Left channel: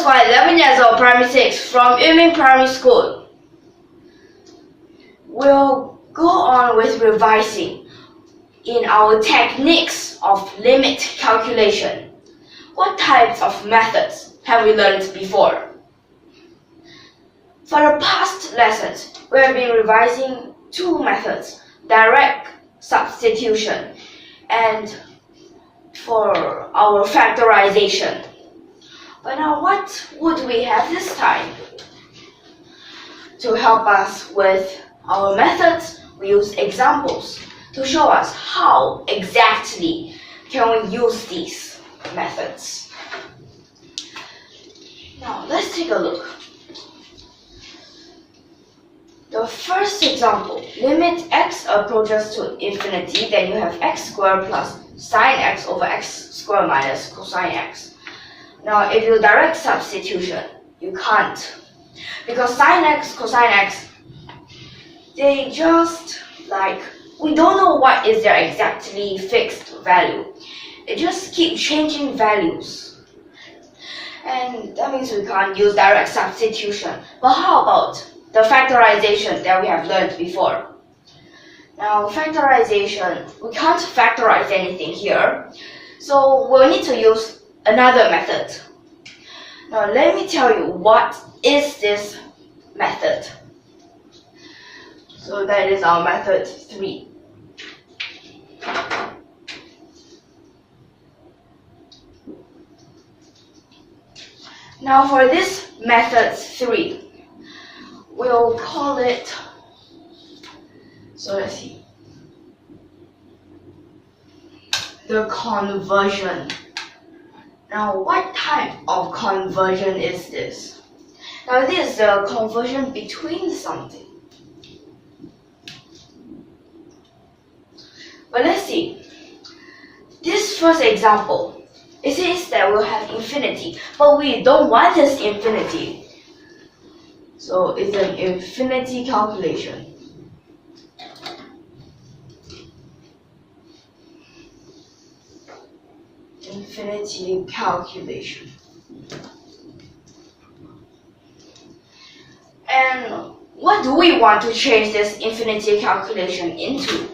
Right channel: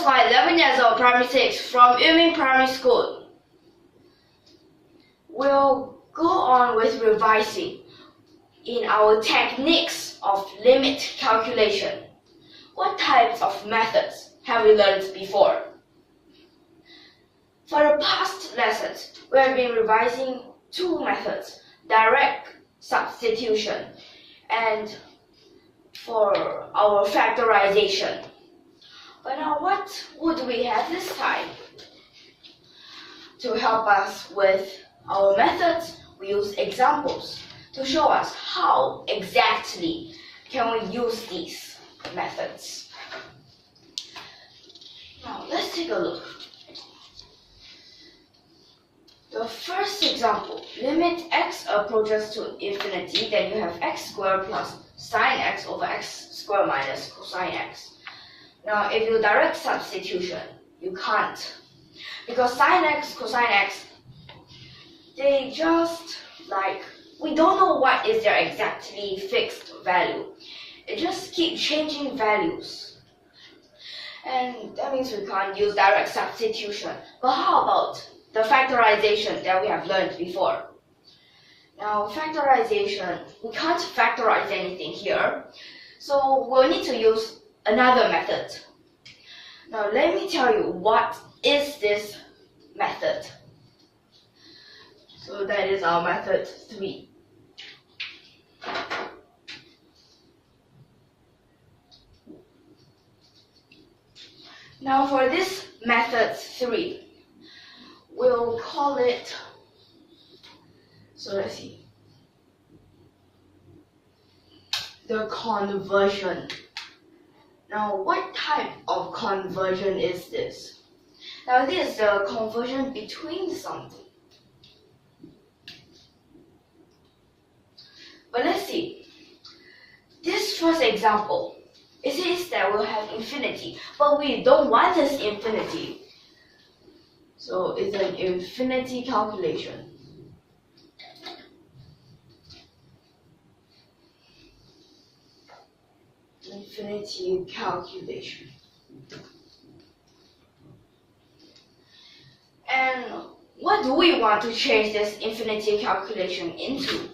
was 11 years old, primary 6, from YUMIN Primary School. We'll go on with revising in our techniques of limit calculation. What types of methods have we learned before? For the past lessons, we have been revising two methods, direct substitution and for our factorization. But now what would we have this time? To help us with our methods, we use examples to show us how exactly can we use these methods. Now let's take a look. The first example, limit x approaches to infinity, then you have x squared plus sine x over x squared minus cosine x. Now if you direct substitution, you can't. Because sine x, cosine x, they just we don't know what is their exactly fixed value. It just keep changing values. And that means we can't use direct substitution. But how about the factorization that we have learned before? Now factorization, we can't factorize anything here. So we'll need to use another method. Now let me tell you what is this method. So that is our method 3. Now for this method 3, we'll call it, so let's see, the conversion. Now what type of conversion is this? Now this is the conversion between something. But let's see, this first example, it says that we'll have infinity, but we don't want this infinity. So it's an infinity calculation. Infinity calculation. And what do we want to change this infinity calculation into?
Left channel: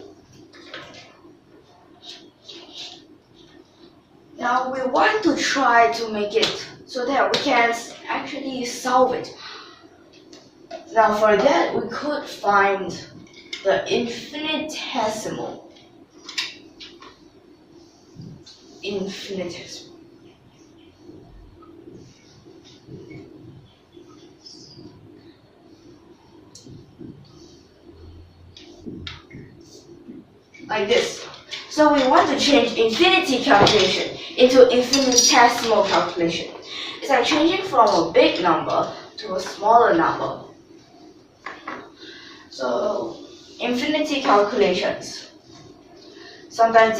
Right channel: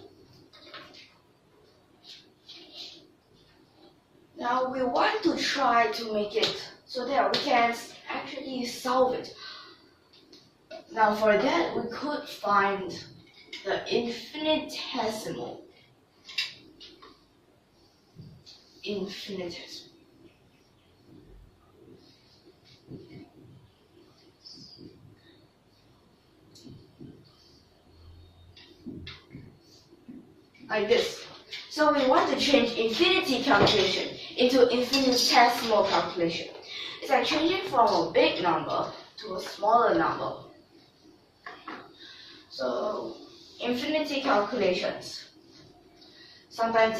Now we want to try to make it so that we can actually solve it. Now for that, we could find the infinitesimal. Like this. So we want to change infinity calculation into infinitesimal calculation. It's like changing from a big number to a smaller number. So infinity calculations, sometimes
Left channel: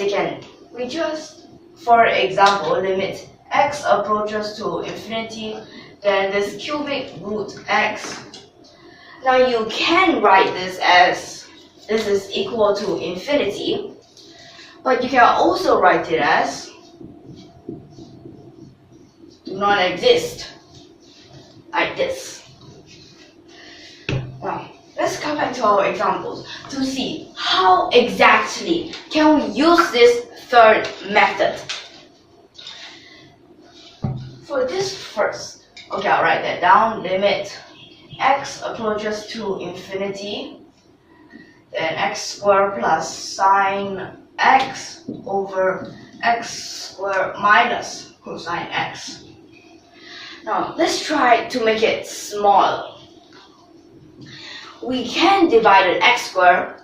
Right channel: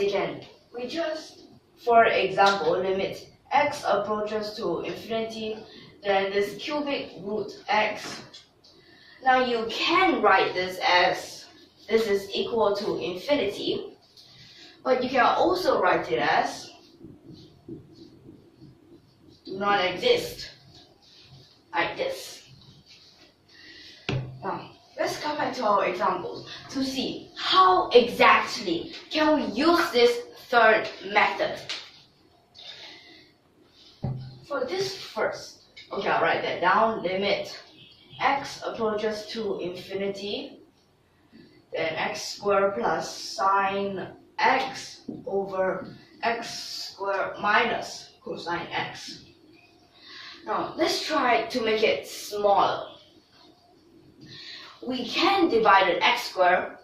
we just, for example, limit x approaches to infinity, then this cubic root x. Now you can write this as this is equal to infinity, but you can also write it as do not exist, like this. Now let's come back to our examples to see how exactly can we use this third method. For this first, okay, I'll write that down. Limit x approaches to infinity, then x squared plus sine x over x squared minus cosine x. Now let's try to make it smaller. We can divide an x squared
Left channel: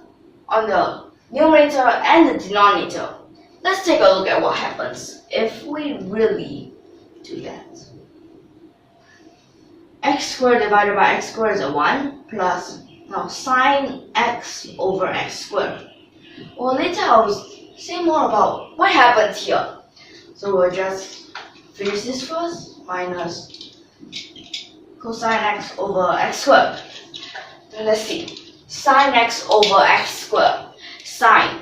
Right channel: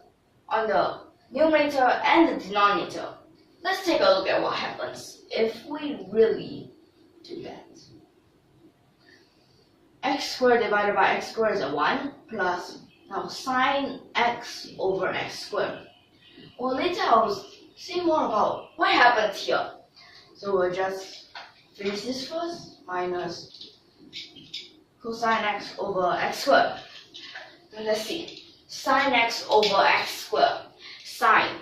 on the numerator and the denominator. Let's take a look at what happens if we really do that. X squared divided by x squared is a 1 plus now sine x over x squared. Well, later I'll say more about what happened here. So we'll just finish this first, minus cosine x over x squared. Then let's see, sine x over x squared. Sine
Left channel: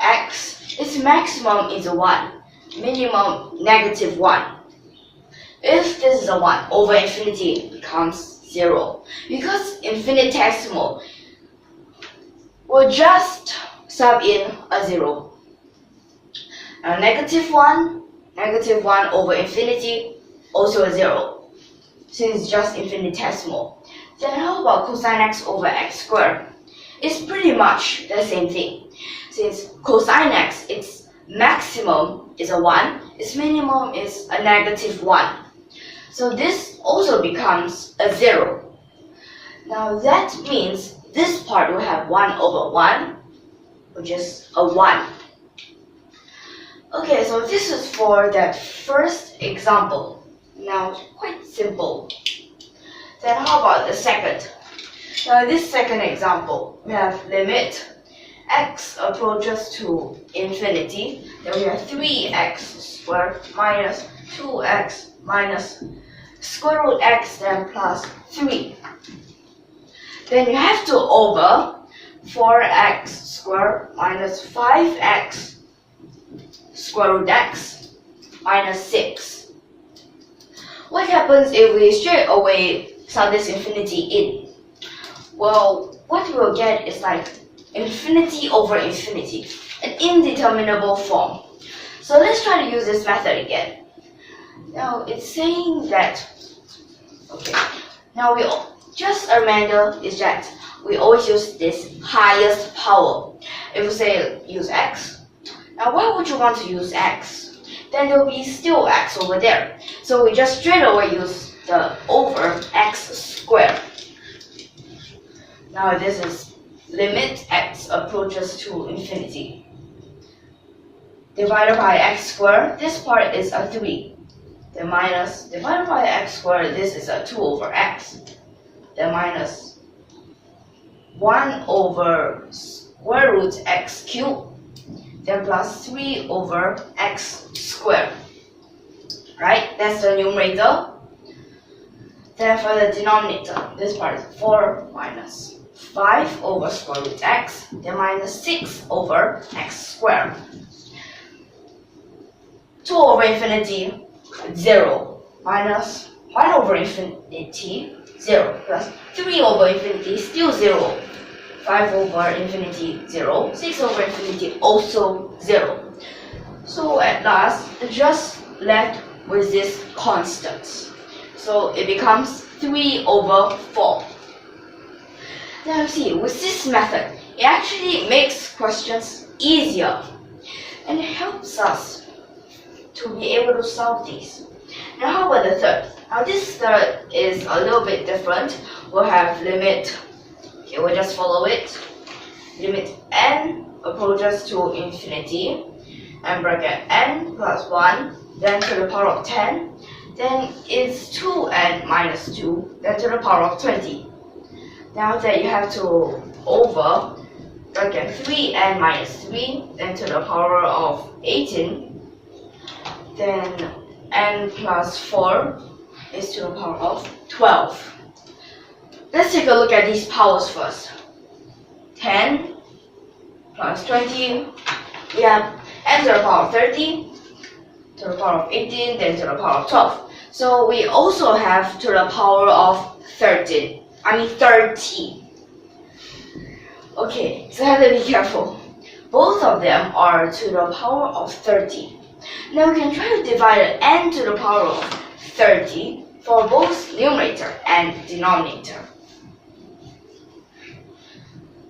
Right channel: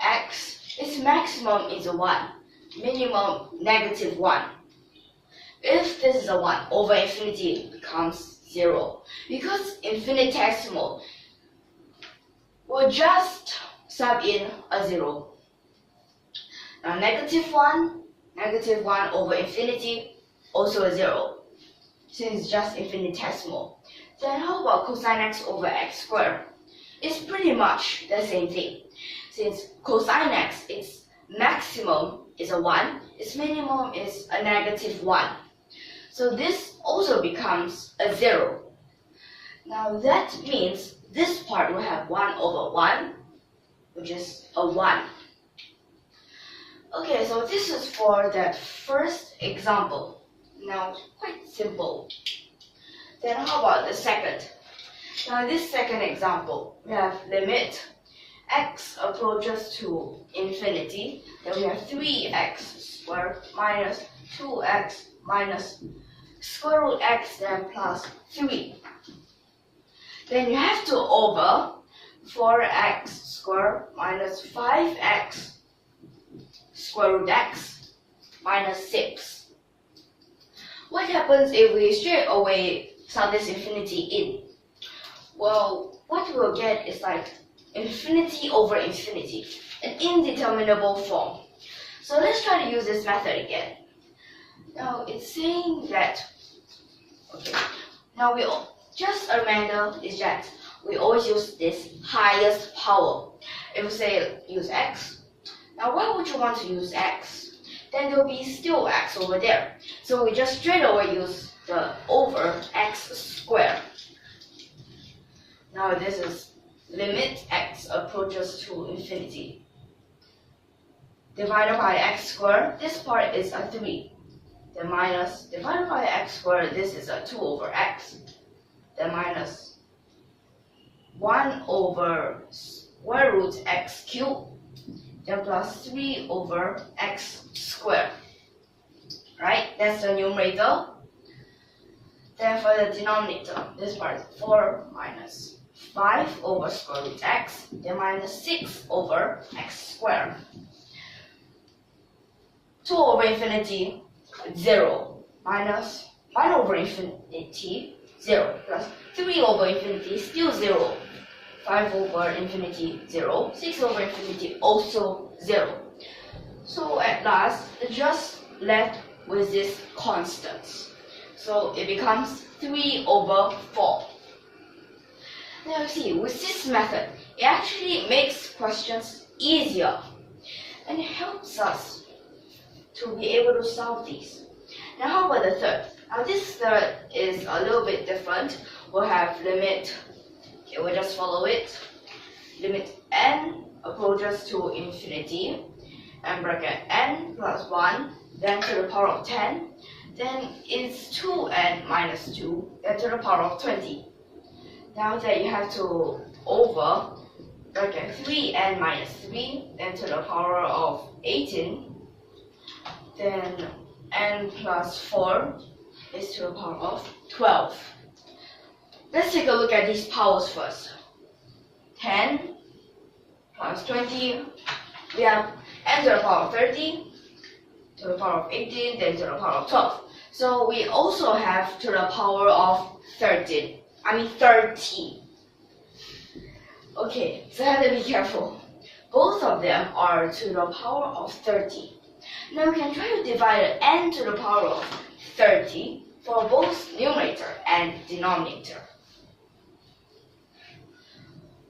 x, its maximum is a 1, minimum negative 1. if this is a 1 over infinity becomes 0. Because infinitesimal, we'll just sub in a 0. Now negative 1 over infinity, also a 0, since it's just infinitesimal. Then how about cosine x over x squared? It's pretty much the same thing. Since cosine x, its maximum is a 1, its minimum is a negative 1. So this also becomes a 0. Now that means this part will have 1 over 1, which is a 1. Okay, so this is for that first example. Now, quite simple. Then how about the second? Now, this second example, we have limit x approaches to infinity. Then we have 3x squared minus 2x minus square root x, then plus 3. Then you have to over 4x squared minus 5x square root x minus 6. What happens if we straight away sub this infinity in? Well, what we'll get is like infinity over infinity, an indeterminable form. So let's try to use this method again. Now it's saying that, okay, now just a reminder is that we always use this highest power. If we say use x, now why would you want to use x? Then there will be still x over there. So we just straight away use the over x squared. Now this is limit x approaches to infinity. Divided by x squared, this part is a 3. Then minus, divided by x squared, this is a 2 over x. Then minus 1 over square root x cubed. Then plus 3 over x squared. Right? That's the numerator. Then for the denominator, this part is 4 minus 5 over square root x, then minus 6 over x squared. 2 over infinity, 0, minus 1 over infinity, 0, plus 3 over infinity, still 0, 5 over infinity, 0, 6 over infinity, also 0. So at last, it's just left with this constant. So it becomes 3 over 4. Now you see, with this method, it actually makes questions easier and it helps us to be able to solve these. Now how about the third? Now this third is a little bit different. We'll have limit, okay, we'll just follow it. Limit n approaches to infinity, and bracket n plus 1, then to the power of 10, then it's 2n minus 2, then to the power of 20. Now that you have to over bracket 3n minus 3, then to the power of 18, then n plus 4 is to the power of 12. Let's take a look at these powers first. 10 plus 20, we have n to the power of 30, to the power of 18, then to the power of 12. So we also have to the power of 30. Okay, so have to be careful. Both of them are to the power of 30. Now we can try to divide n to the power of 30 for both numerator and denominator.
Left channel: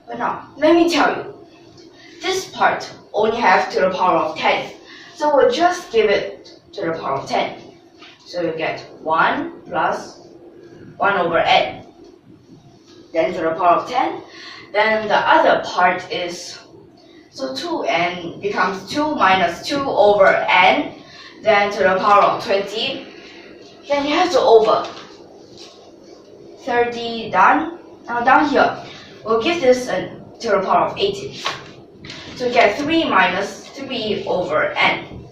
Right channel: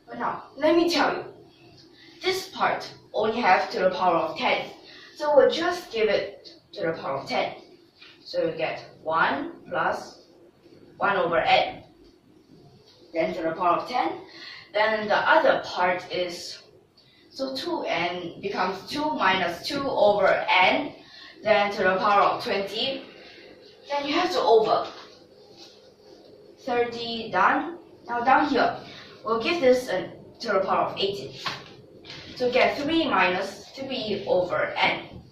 But now, let me tell you, this part only have to the power of 10. So we'll just give it to the power of 10. So you get 1 plus 1 over n. Then to the power of 10. Then the other part is, so 2n becomes 2 minus 2 over n. Then to the power of 20. Then you have to over. 30 done. Now down here, we'll give this to the power of 18. So we get 3 minus 3 over n.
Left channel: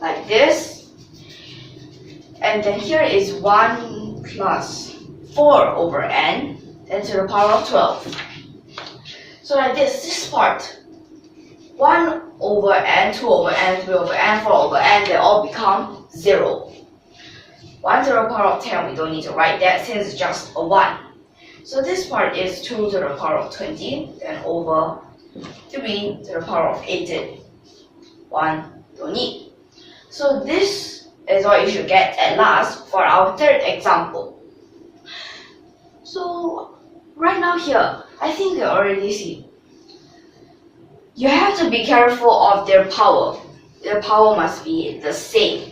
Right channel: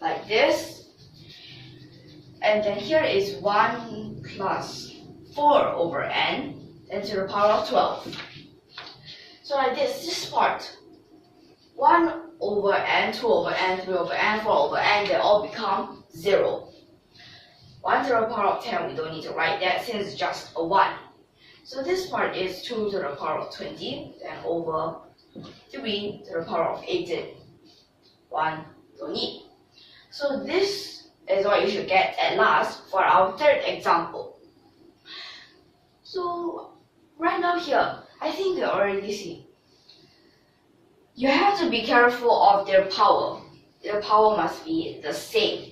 Like this. And then here is 1 plus 4 over n, then to the power of 12. So like this part, 1 over n, 2 over n, 3 over n, 4 over n, they all become 0. 1 to the power of 10, we don't need to write that since it's just a 1. So this part is 2 to the power of 20, then over 3 to the power of 18. 1, don't need. So this is what you should get at last for our third example. So right now here, I think you already see. You have to be careful of their power. Their power must be the same.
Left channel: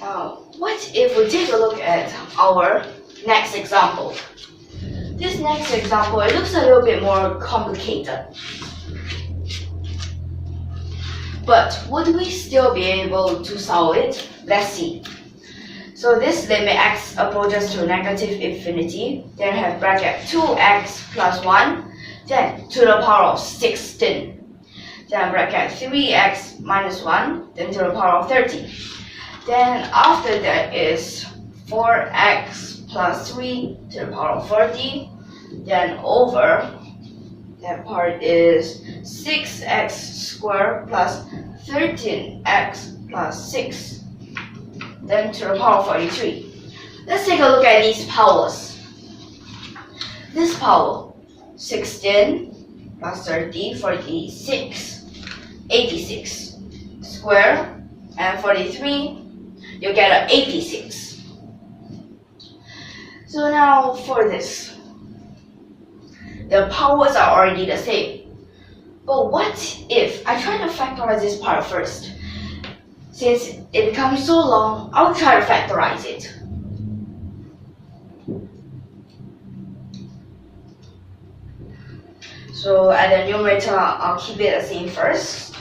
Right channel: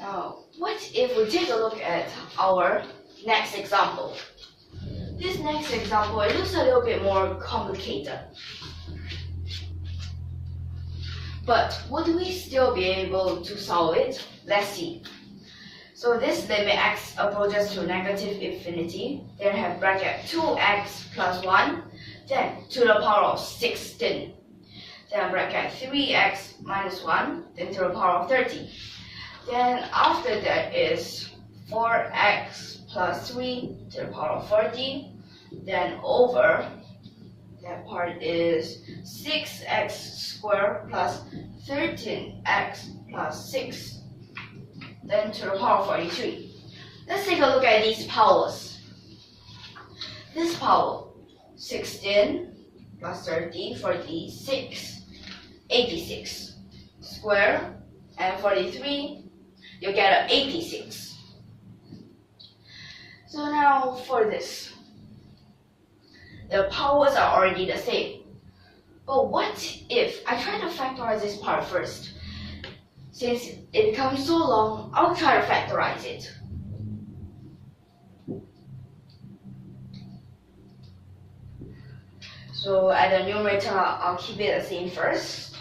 Now, what if we take a look at our next example? This next example, it looks a little bit more complicated. But would we still be able to solve it? Let's see. So this limit x approaches to negative infinity, then have bracket 2x plus 1, then to the power of 16. Then bracket 3x minus 1, then to the power of 30. Then after that is 4x plus 3 to the power of 40. Then over, that part is 6x squared plus 13x plus 6. Then to the power of 43. Let's take a look at these powers. This power, 16 plus 30, 46, 86. Square and 43, you get an 86. So now for this, the powers are already the same. But what if I try to factorize this part first? Since it becomes so long, I'll try to factorize it. So at the numerator, I'll keep it the same first.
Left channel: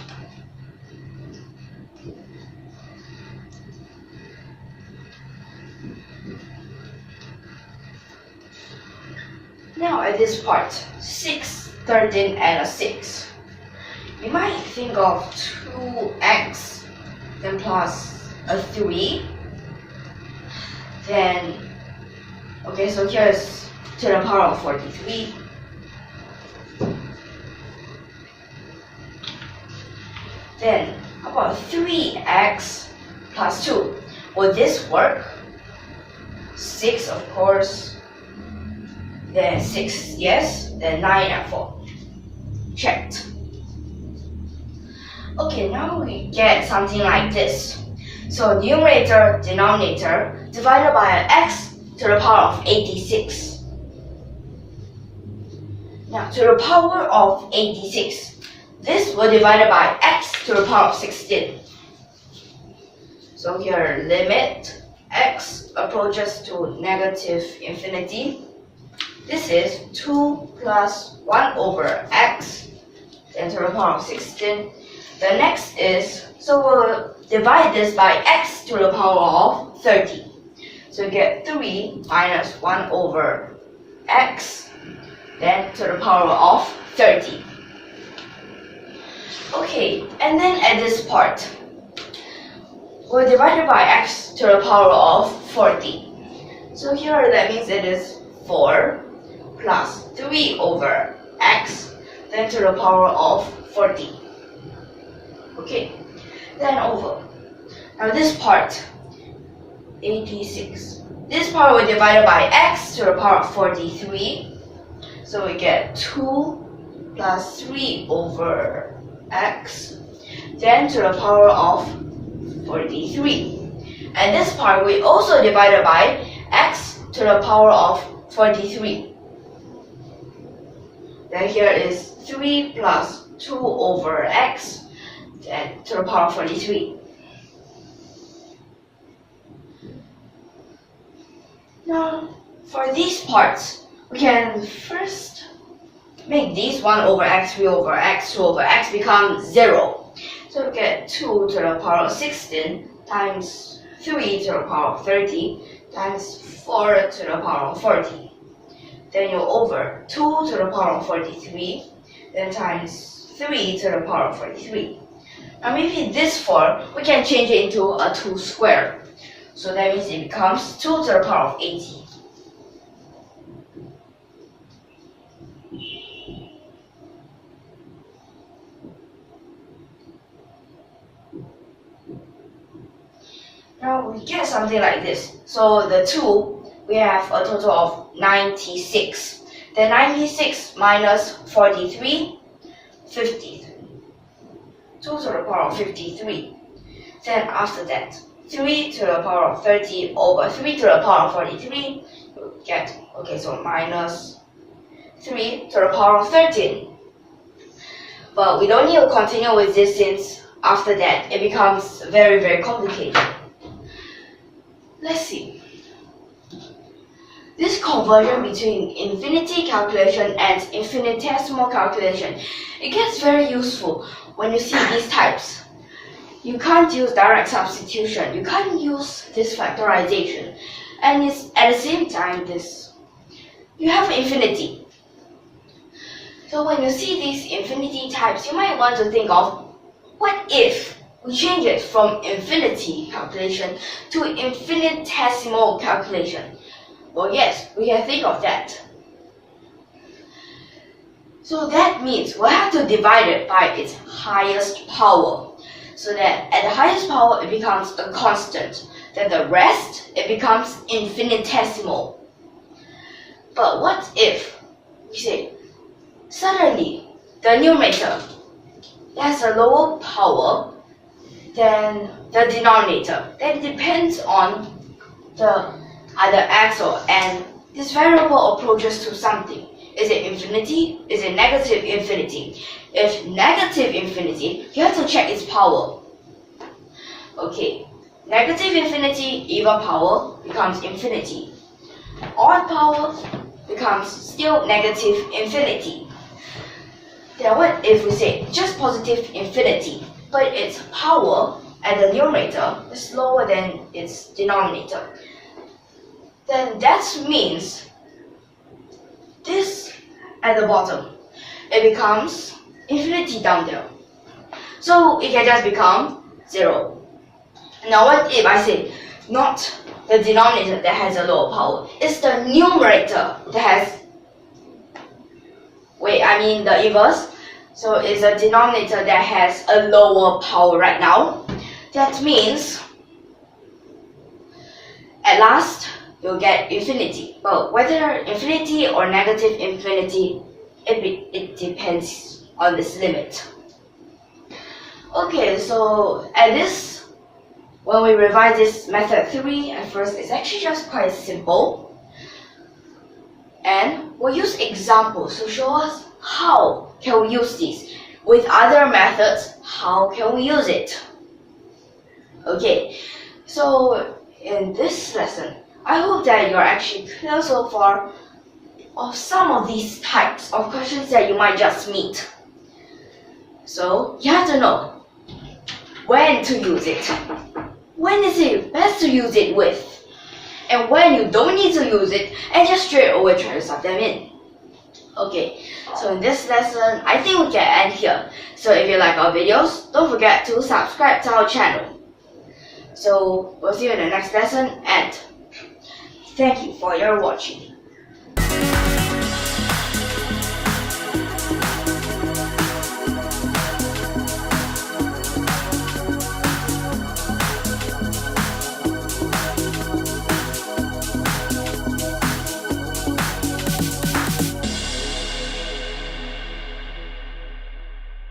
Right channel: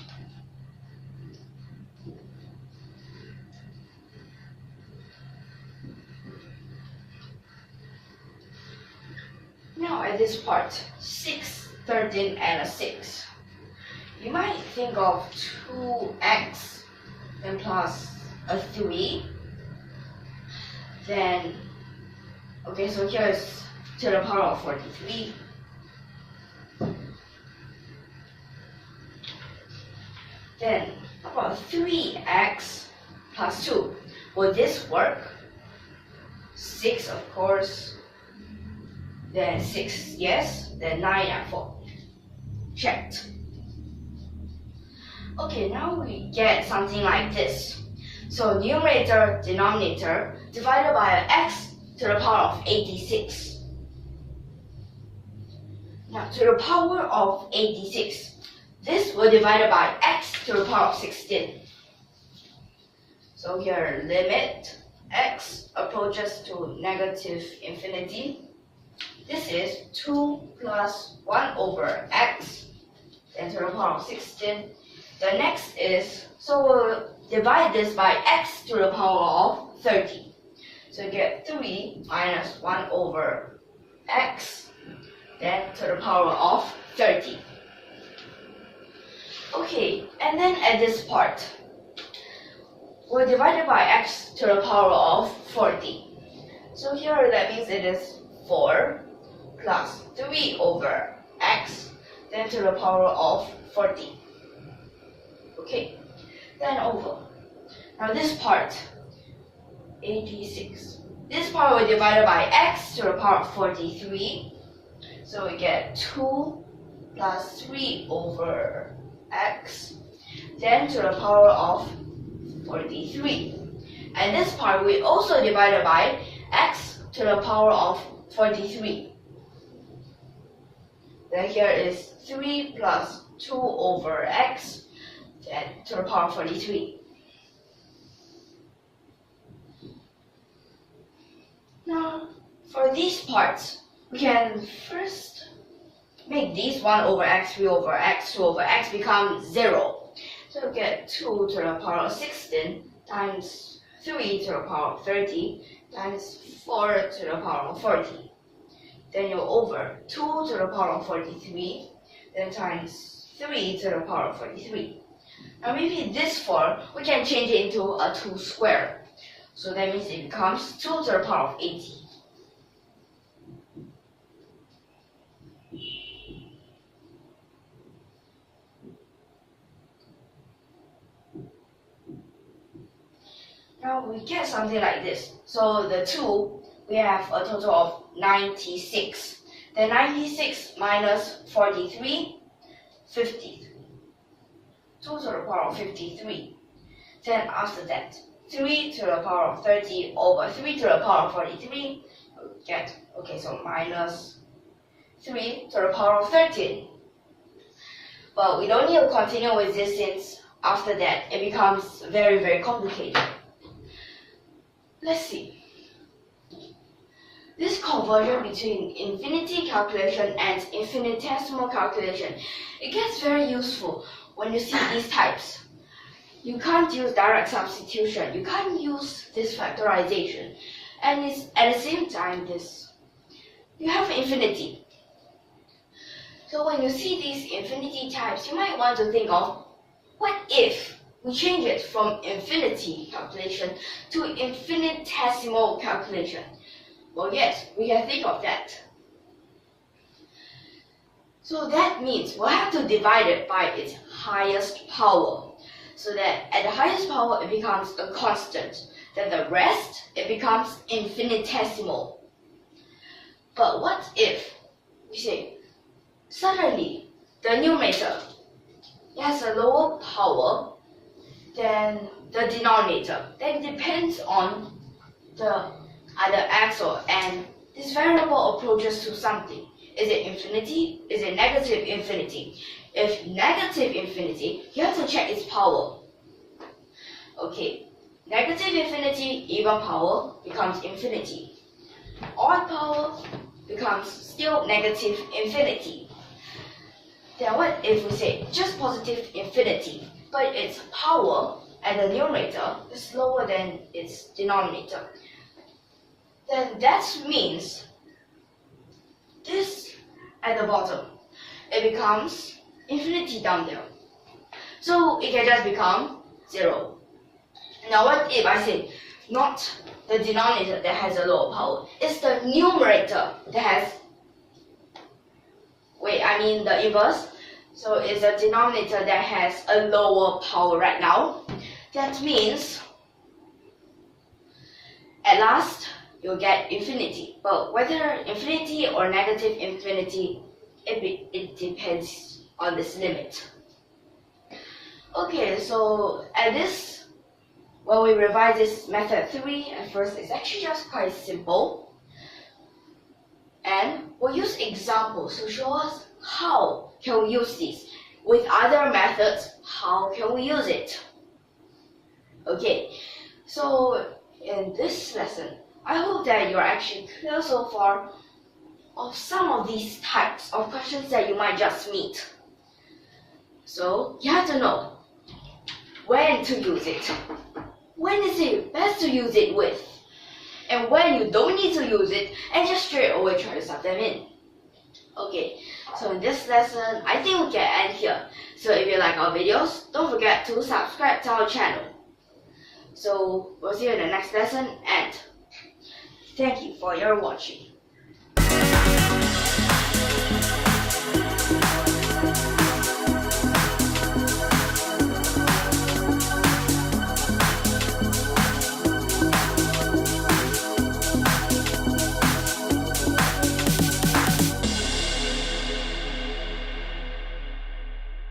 Now at this part, 6, 13, and a 6. You might think of 2x, then plus a 3. Then, okay, so here is to the power of 43. Then, how about 3x plus 2? Will this work? 6, of course. Then 6, yes. Then 9 and 4. Checked. Okay, now we get something like this. So numerator, denominator, divided by x to the power of 86. Now, to the power of 86, this will divide by x to the power of 16. So here, limit x approaches to negative infinity. This is 2 plus 1 over x, then to the power of 16. The next is, so we'll divide this by x to the power of 30. So you get 3 minus 1 over x, then to the power of 30. Okay, and then at this part, we'll divide it by x to the power of 40. So here that means it is 4 plus 3 over x, then to the power of 40. Okay, then over. Now this part, 86. This part will divide by x to the power of 43. So we get 2 plus 3 over x, then to the power of 43. And this part we also divided by x to the power of 43. Then here is 3 plus 2 over x, then to the power of 43. Now, for these parts, we can first make these 1 over x, 3 over x, 2 over x become 0. So we get 2 to the power of 16 times 3 to the power of 30 times 4 to the power of 40. Then you over 2 to the power of 43, then times 3 to the power of 43. Now maybe this 4, we can change it into a 2 squared. So that means it becomes 2 to the power of 80. Now we get something like this. So the 2, we have a total of 96. Then 96 minus 43, 53. 2 to the power of 53. Then after that, 3 to the power of 30 over 3 to the power of 43, you get, okay, so minus 3 to the power of 13. But we don't need to continue with this since after that it becomes very, very complicated. Let's see. This conversion between infinity calculation and infinitesimal calculation, it gets very useful when you see these types. You can't use direct substitution, you can't use this factorization, and it's at the same time this. You have infinity. So when you see these infinity types, you might want to think of, what if we change it from infinity calculation to infinitesimal calculation? Well, yes, we can think of that. So that means we'll have to divide it by its highest power. So that at the highest power it becomes a constant. Then the rest, it becomes infinitesimal. But what if we say, suddenly the numerator has a lower power than the denominator? That depends on the either x or n. This variable approaches to something. Is it infinity? Is it negative infinity? If negative infinity, you have to check its power. Okay, negative infinity, even power becomes infinity. Odd power becomes still negative infinity. Then what if we say just positive infinity, but its power at the numerator is lower than its denominator? Then that means this at the bottom, it becomes infinity down there. So it can just become 0. Now what if I say not the denominator that has a lower power, it's the numerator that has, the inverse. So it's a denominator that has a lower power right now. That means at last you'll get infinity. But whether infinity or negative infinity, it depends on this limit. Okay, so at this, when we revise this method 3, at first it's actually just quite simple. And we'll use examples to show us how can we use this. With other methods, how can we use it? Okay, so in this lesson, I hope that you're actually clear so far of some of these types of questions that you might just meet. So you have to know when to use it. When is it best to use it with? And when you don't need to use it and just straight away try to sub them in. Okay, so in this lesson, I think we can end here. So if you like our videos, don't forget to subscribe to our channel. So we'll see you in the next lesson, and thank you for your watching.